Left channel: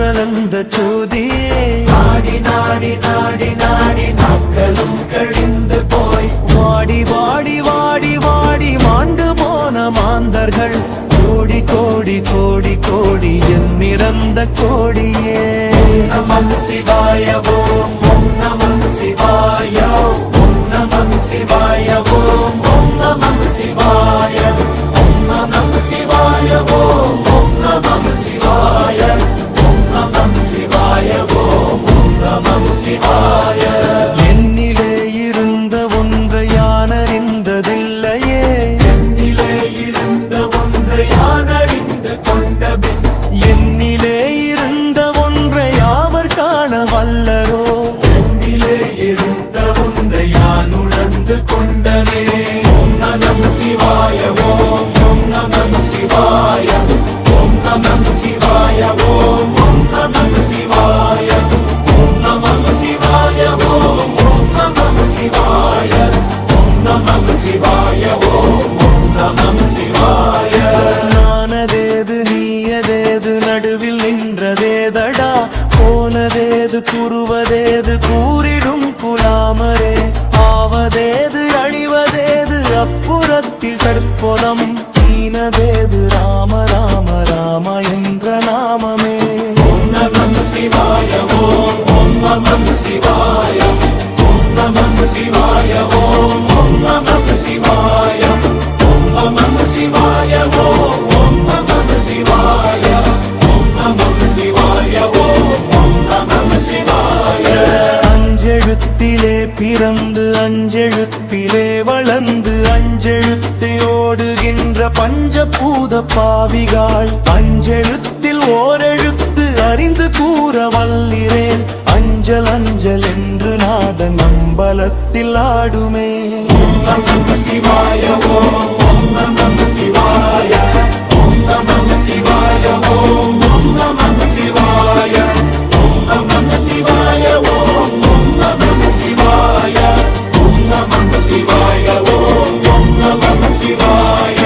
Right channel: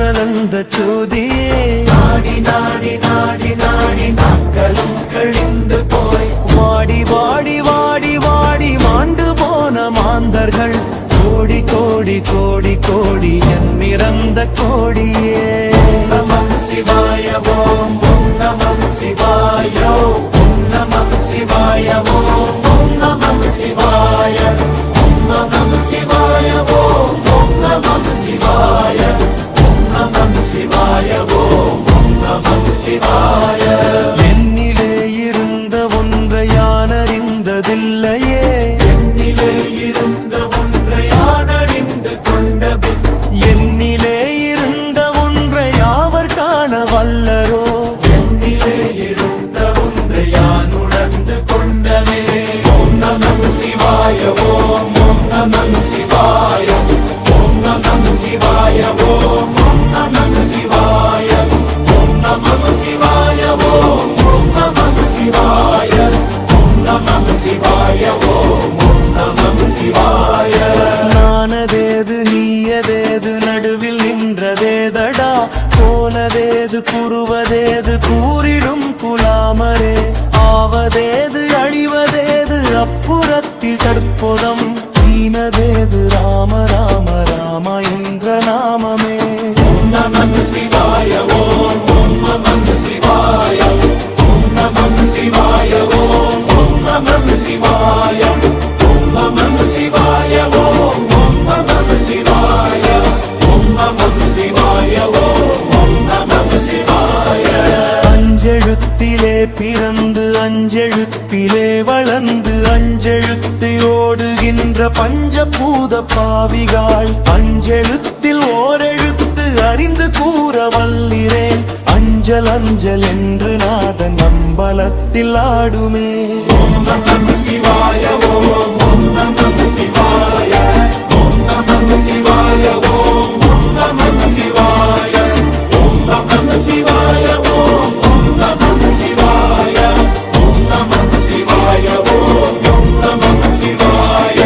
ஆற்றலந்த சோதியே நாடி நாடி நாடி நாடி நாட்களும் கழிந்து போய் வாடி வாடி வாடி வாடி மாண்டு போன மாந்தர்கள் கோடி கோடி கோடி கோடி எண்ணிறந்த கோடியே. நமம் சிவாய ஓம் ஓம் நமம் சிவாய ஓம் நமம் சிவாய ஓம் ஓம் நமம் சிவாய ஓம் நமம் சிவாய ஓம் ஓம் நமம் சிவாய ஓம் நமம் சிவாய ஓம் ஓம் நமம் சிவாய. என்னிலே இருந்த ஒன்றை யான் அறிந்ததில்லையே, என்னிலே இருந்த ஒன்றை யான் அறிந்து கொண்டபின் என்னிலே இருந்த ஒன்றை யாவர் காண வல்லரோ, என்னிலே இருந்த ஒன்றை யான் உணர்ந்து கொண்டனே. ஓம் நமம் சிவாய ஓம் ஓம் நமம் சிவாய ஓம் நமம் சிவாய ஓம் ஓம் நமம் சிவாய ஓம் நமம் சிவாய ஓம் ஓம் நமம் சிவாய ஓம் நமம் சிவாய ஓம் ஓம் நமம் சிவாய. நானதேது நீயதேது நடுவில் நின்றதேதடா, போனதேது கூறுவதேது கூறிடும் குலாமரே, ஆவதேது அழிவதேது அப்புறத்தில் தடுப்போதம், ஈனதேது ராம ராம ராம என்ற நாமமே. ஓம் நமம் சிவாய ஓம் ஓம் நமம் சிவாய ஓம் நமம் சிவாய ஓம் ஓம் நமம் சிவாய ஓம் நமம் சிவாய ஓம் ஓம் நமம் சிவாய ஓம் நமம் சிவாய ஓம் ஓம் நமம் சிவாய. அஞ்செழுத்திலே பிறந்து அஞ்செழுத்திலே வளர்ந்து அஞ்செழுத்தை ஓடுகின்ற பஞ்சபூத பாவிகாள், அஞ்செழுத்தில் ஓரெழுத்து அறிந்து கூற வல்லிரேன், அஞ்சல் அஞ்சல் என்று நாதன் அம்பலத்தில் ஆடுமே. ஓம் நமம் சிவாய ஓம் ஓம் நமம் சிவாய ஓம் நமம் சிவாய ஓம் ஓம் நமம் சிவாய ஓம் நமம் சிவாய ஓம் ஓம் நமம் சிவாய ஓம் நமம் சிவாய ஓம் ஓம் நமம் சிவாய.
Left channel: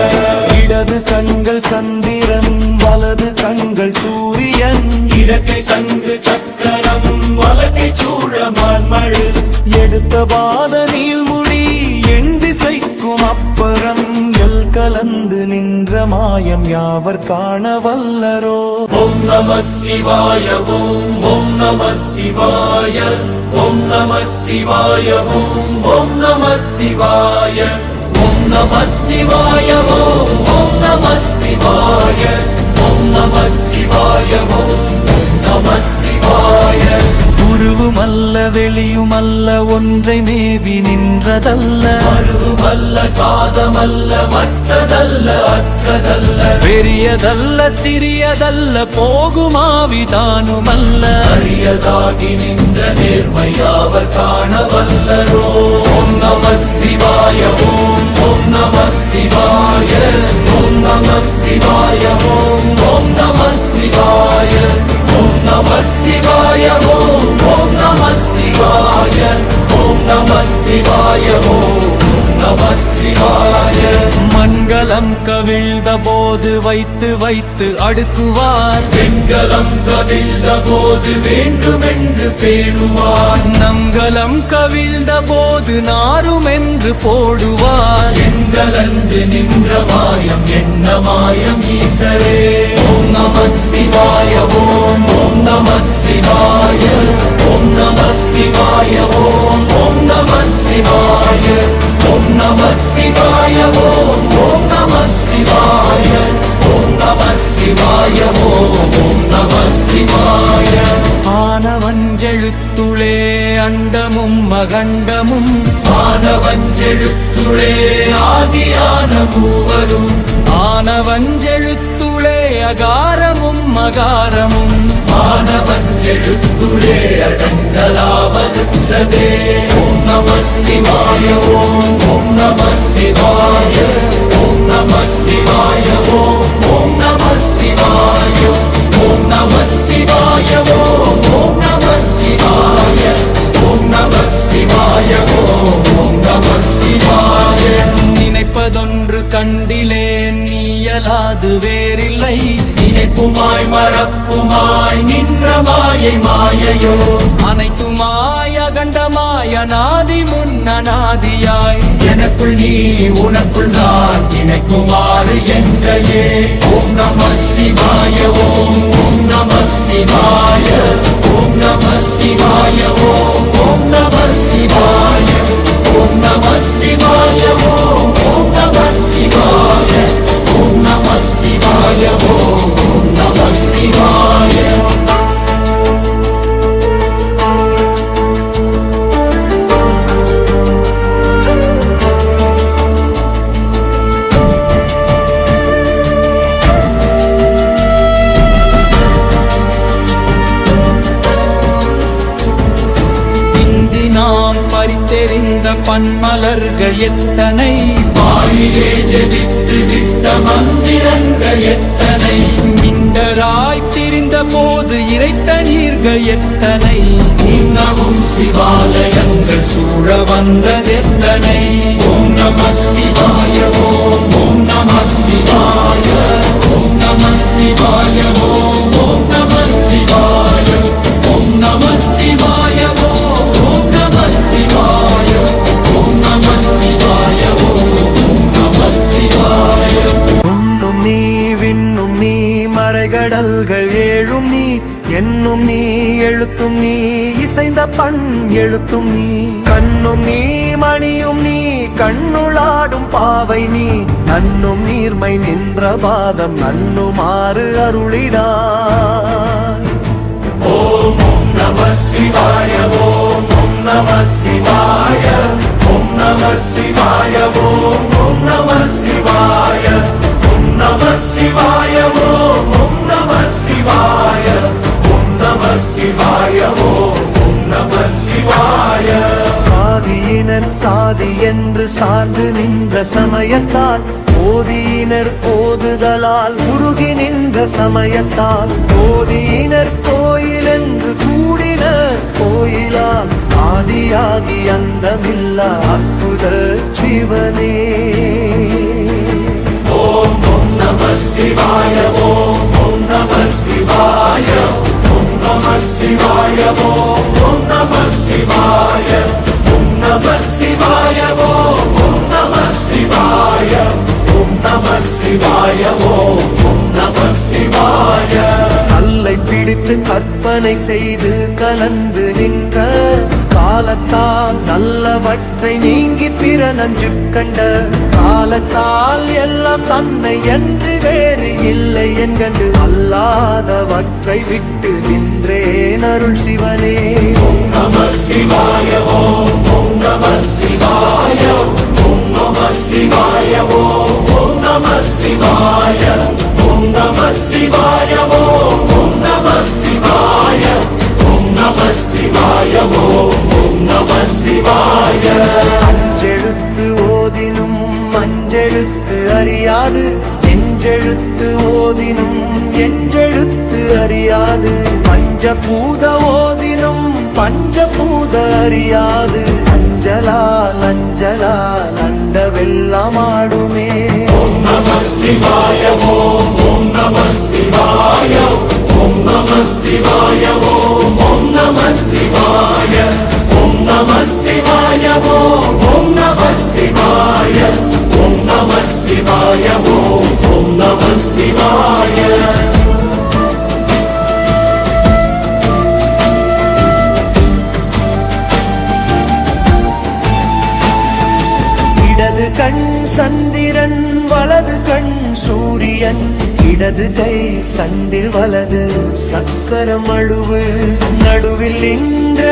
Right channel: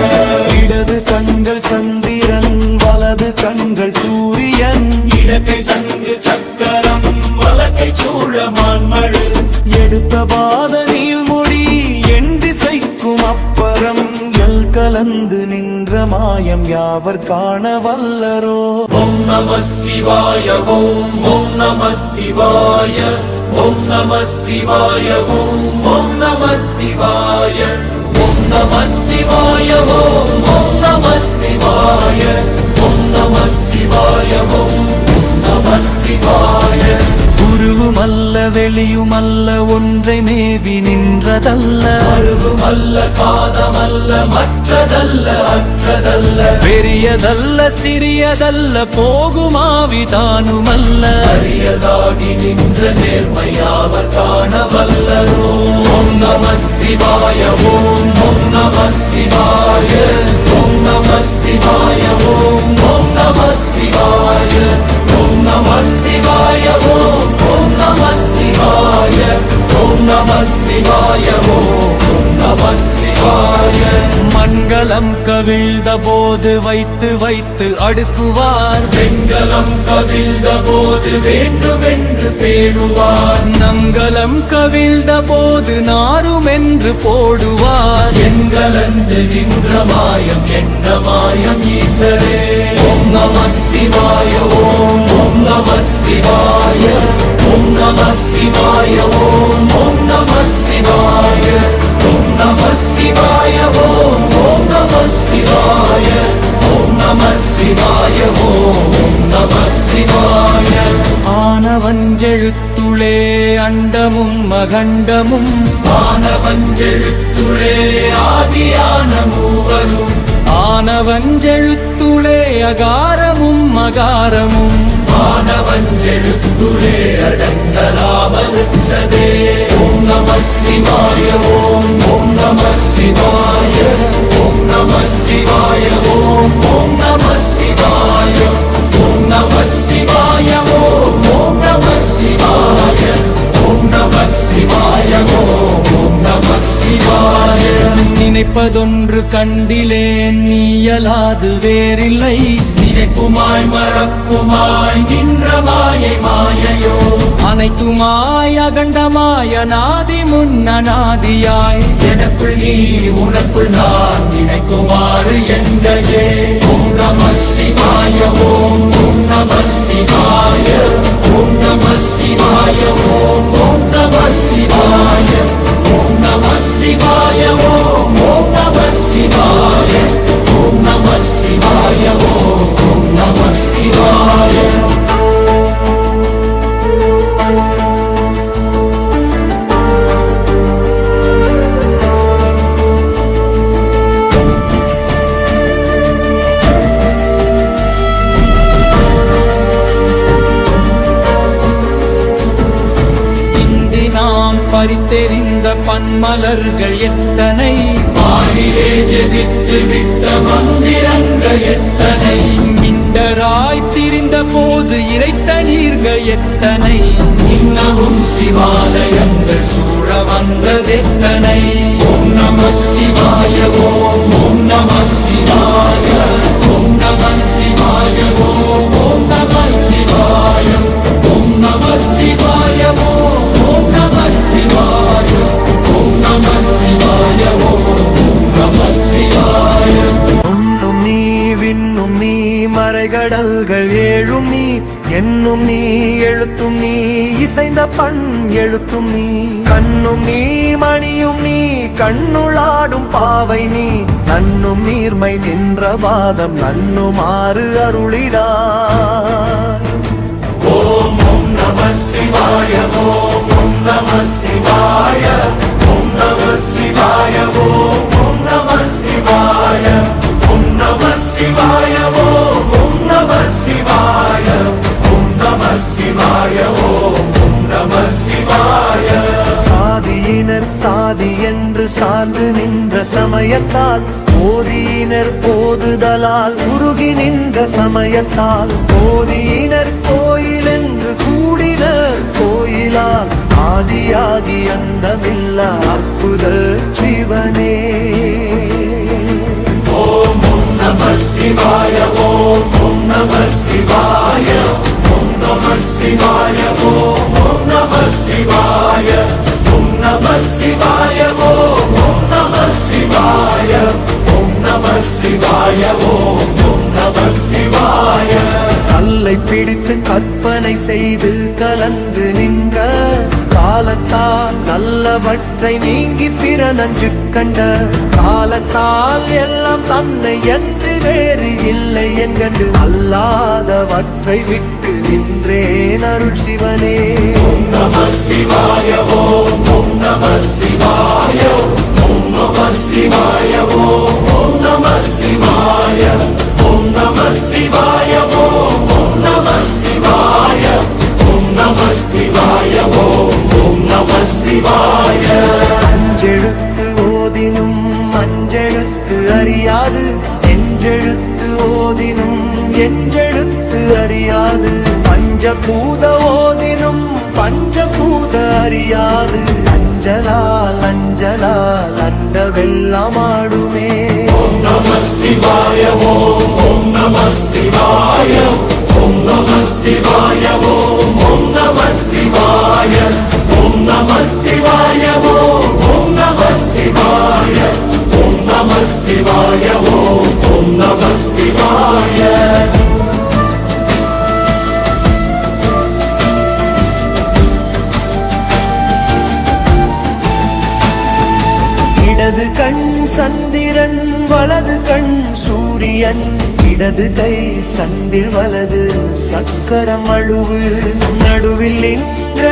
இடது கண்கள் சந்திரன் வலது கண்கள் சூரியன், இடக்கை சங்கு சக்கரம் வலக்கை சூழமான் மழு, எடுத்த பாத நீள்முடி எண் திசைக்கும் அப்பரம், எல் கலந்து நின்ற மாயம் யாவர் காண வல்லரோ. ஓம் நம சிவாய ஓம் ஓம் நம சிவாய ஓம் நம சிவாய ஓம் ஓம் நம சிவாய ஓம் நம சிவாய ஓம் ஓம் நம சிவாய ஓம் நம சிவாய ஓம் ஓம் நம சிவாய. உருவுமல்ல வெளியுமல்ல ஒன்றை மேவி நின்றதல்ல, அருவுமல்ல காதமல்ல மற்றதல்ல அற்றதல்ல, பெரியதல்ல சிறியதல்ல போகுமாவிதானுமல்ல, அரியதாகி நின்ற நேர்மையாவர் காண வல்லரோ. ஓம் நம சிவாய ஓம் ஓம் நம சிவாய ஓம் நம சிவாய ஓம் ஓம் நம சிவாய ஓம் நம சிவாய ஓம் ஓம் நம சிவாய ஓம் நம சிவாய ஓம் ஓம் நம சிவாய. மண்கலம் கவிழ்ந்த போது வைத்து வைத்து அடுக்குவார், வெண்கலம் கவிழ்ந்த போது வேண்டுமென்று பேணுவார், நங்கலம் கவிழ்ந்த போது நாருமென்று போடுவார், எண்கலந்து நின்ற மாயம் என்ன மாயம் ஈசரே. ஓம் நம சிவாய ஓம் ஓம் நம சிவாய ஓம் நம சிவாய ஓம் ஓம் நம சிவாய ஓம் நம சிவாய ஓம் ஓம் நம சிவாய ஓம் நம சிவாய ஓம் ஓம் நம சிவாய. ஆனவஞ்செழுத்துளே அண்டமும் அகண்டமும், ஆனவஞ்செழுத்துளே ஆதியான மூவரும், ஆனவஞ்செழுத்துளே அகாரமும் அகாரமும், ஆனவஞ்செழுத்துளே அடங்கலாவலுற்றதே. ஓம் நம சிவாய ஓம் ஓம் நம சிவாய ஓம் நம சிவாய ஓம் ஓம் நம சிவாய ஓம் நம சிவாய ஓம் ஓம் நம சிவாய ஓம் நம சிவாய ஓம் ஓம் நம சிவாய. நினைப்பதொன்று கண்டிலேன் நீயலாது வேறில்லை, நீ நினைப்புமாய் மறப்புமாய் நின்ற மாயை மாயையோ அனைத்துமாய் அகண்டமாய் அநாதி முன்னநாதியாய் எனக்குள் நீ உனக்குள் நான் நினைக்குமாறு எங்கையே ஓம் நம சிவாய ஓம் ஓம் நம சிவாய ஓம் நம சிவாய ஓம் ஓம் நம சிவாய ஓம் நம சிவாய ஓம் ஓம் நம சிவாய ஓம் நம சிவாய ஓம் நம சிவாய நாம் பறித்தெறிந்த பன்மலர்கள் எத்தனை மாயிலே ஜெபித்து விட்ட மந்திரங்கள் எத்தனை மிண்டராய் திரிந்த போது இறைத்த நீர்கள் எத்தனை உன்னவும் சிவாலயங்கள் சூழ வந்ததெத்தனை ஓம் நம சிவாய ஓம் ஓம் நம சிவாய ஓம் நம சிவாய ஓம் ஓம் நம சிவாய ஓம் நம சிவாய ஓம் ஓம் நம சிவாய ஓம் நம சிவாய ஓம் நம சிவாய உண்ணும் நீ விண்ணும் நீ மறைகடல்கள் ஏழும் நீ என்னும் நீ எழுத்தும் நீ இசைந்த பண் எழுத்தும் நீ கண்ணும் நீ மணியும் நீ கண்ணுளாடும் பாவை நீ நன்னும் நீர்மை நின்ற பாதம் நன்னுமாறு அருளிடாய் ஓம் ஓம் நம சிவாய ஓம் ஓம் நம சிவாய ஓம் நம சிவாய ஓம் ஓம் நம சிவாய ஓம் நம சிவாய ஓம் ஓம் நம சிவாய ஓம் நம சிவாய ஓம் ஓம் நம சிவாய சாதியினர் சாதி என்று சார்ந்து நின்ற சமயத்தால் ஓதியினர் ஓதுதலால் உருகி நின்ற சமயத்தால் ஓதியினர் கோயில் என்று கூடினர் கோயிலால் ஆதியாகி அந்தமில்ல அற்புத சிவனே ஓம் ஓம் நம சிவாய ஓம் ஓம் நம சிவாய ஓம் நம சிவாய ஓம் ஓம் நம சிவாய ஓம் நம சிவாய ஓம் ஓம் நம சிவாய ஓம் நம சிவாய ஓம் ஓம் நம சிவாய கல்லை பிடித்து கற்பனை செய்து கலந்து நின்ற காலத்தால் நல்லவற்றை நீங்கி பிற நஞ்சு கண்ட காலத்தால் எல்லாம் தன்னை என்று வேறு இல்லை என்கண்டு அல்லாதவற்றை விட்டு நின்றேன் அருள் சிவனே ஓம் நம சிவாய ஓம் ஓம் நம சிவாய ஓம் நம சிவாய ஓம் ஓம் நம சிவாய ஓம் நம சிவாய ஓம் ஓம் நம சிவாய ஓம் நம சிவாய ஓம் ஓம் நம சிவாய அஞ்செழுத்து ஓதினும் அஞ்செழுத்து அறியாது எஞ்செழுத்து ஓதினும் எஞ்செழுத்து அறியாது பஞ்சபூத ஓதினும் பஞ்சபூத அறியாது அஞ்சலால் அஞ்சலால் அண்டவெல்லாம் ஆடுமே ஓம் நம சிவாய ஓம் ஓம் நம சிவாய ஓம் நம சிவாய ஓம் ஓம் நம சிவாய ஓம் நம சிவாய ஓம் ஓம் நம சிவாய ஓம் நம சிவாய ஓம் ஓம் நம சிவாய இடது கண் சந்திரன் வலது கண் சூரியன் இடது கை சந்தில் வலது சக்கரம் அழுவு நடுவில் நின்ற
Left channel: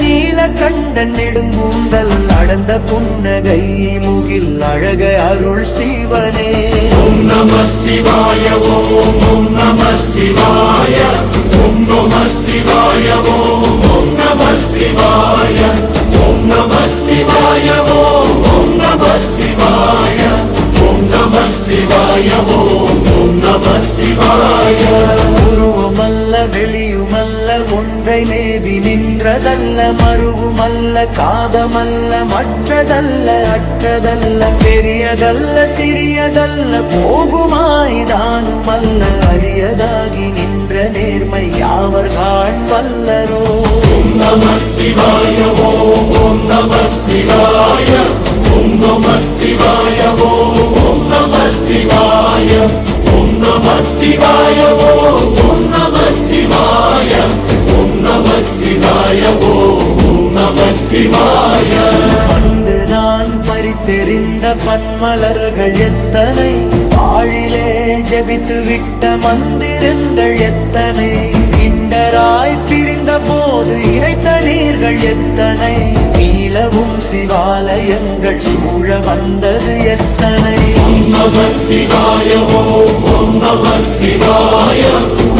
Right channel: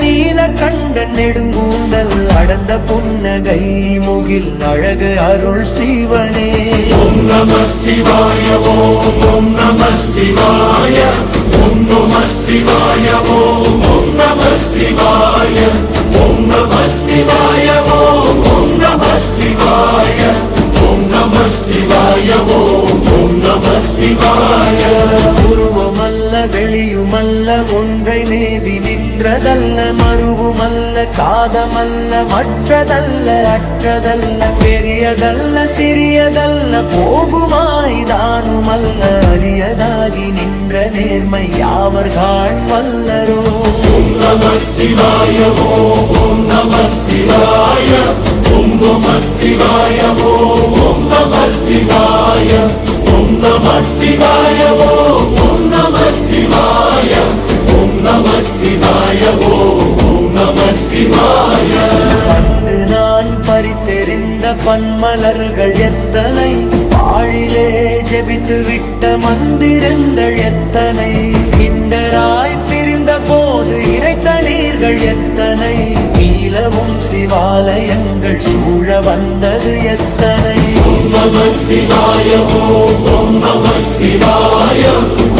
நீலகண்டன் நெடுங்கூந்தல் அடர்ந்த புன்னகை முகில் அழகு அருள் சிவனே ஓம் நம சிவாய ஓம் ஓம் நம சிவாய ஓம் நம சிவாய ஓம் ஓம் நம சிவாய ஓம் நம சிவாய ஓம் ஓம் நம சிவாய ஓம் நம சிவாய ஓம் ஓம் நம சிவாய உருவமல்ல வெளியுமல்ல ஒன்றை மேவி நின்றதல்ல மறுவுமல்ல காதமல்ல மற்றதல்ல அற்றதல்ல பெரியதல்ல சிறியதல்ல போகுமாய்தானுமல்ல அரியதாகி நின்ற நேர்மை யாவர் காண் வல்லரோ. நம சிவாய ஓம் நம சிவாய ஓம் நம சிவாய ஓம் நம சிவாய ஓம் நம சிவாய ஓம் நம சிவாய ஓம் நம சிவாய ஓம் நம சிவாய. வந்து நான் பறித்தெறிந்த பன்மலர்கள் எத்தனை வாழிலே ஜெபித்து விட்ட மந்திரங்கள் எத்தனை கிண்டராய் திரிந்த போது இறைத்த நீர்கள் எத்தனை நீலவும் சிவாலயங்கள் சூழ வந்தது எத்தனை. ஓம் நம சிவாய ஓம் நம சிவாய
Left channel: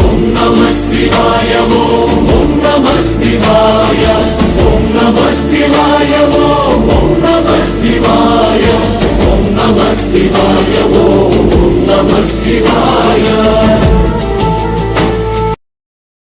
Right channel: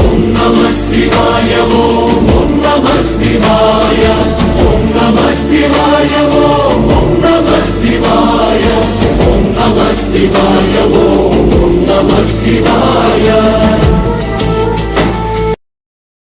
ஓம் நம சிவாய ஓம் நம சிவாய ஓம் நம சிவாய ஓம் நம சிவாய ஓம் நம சிவாய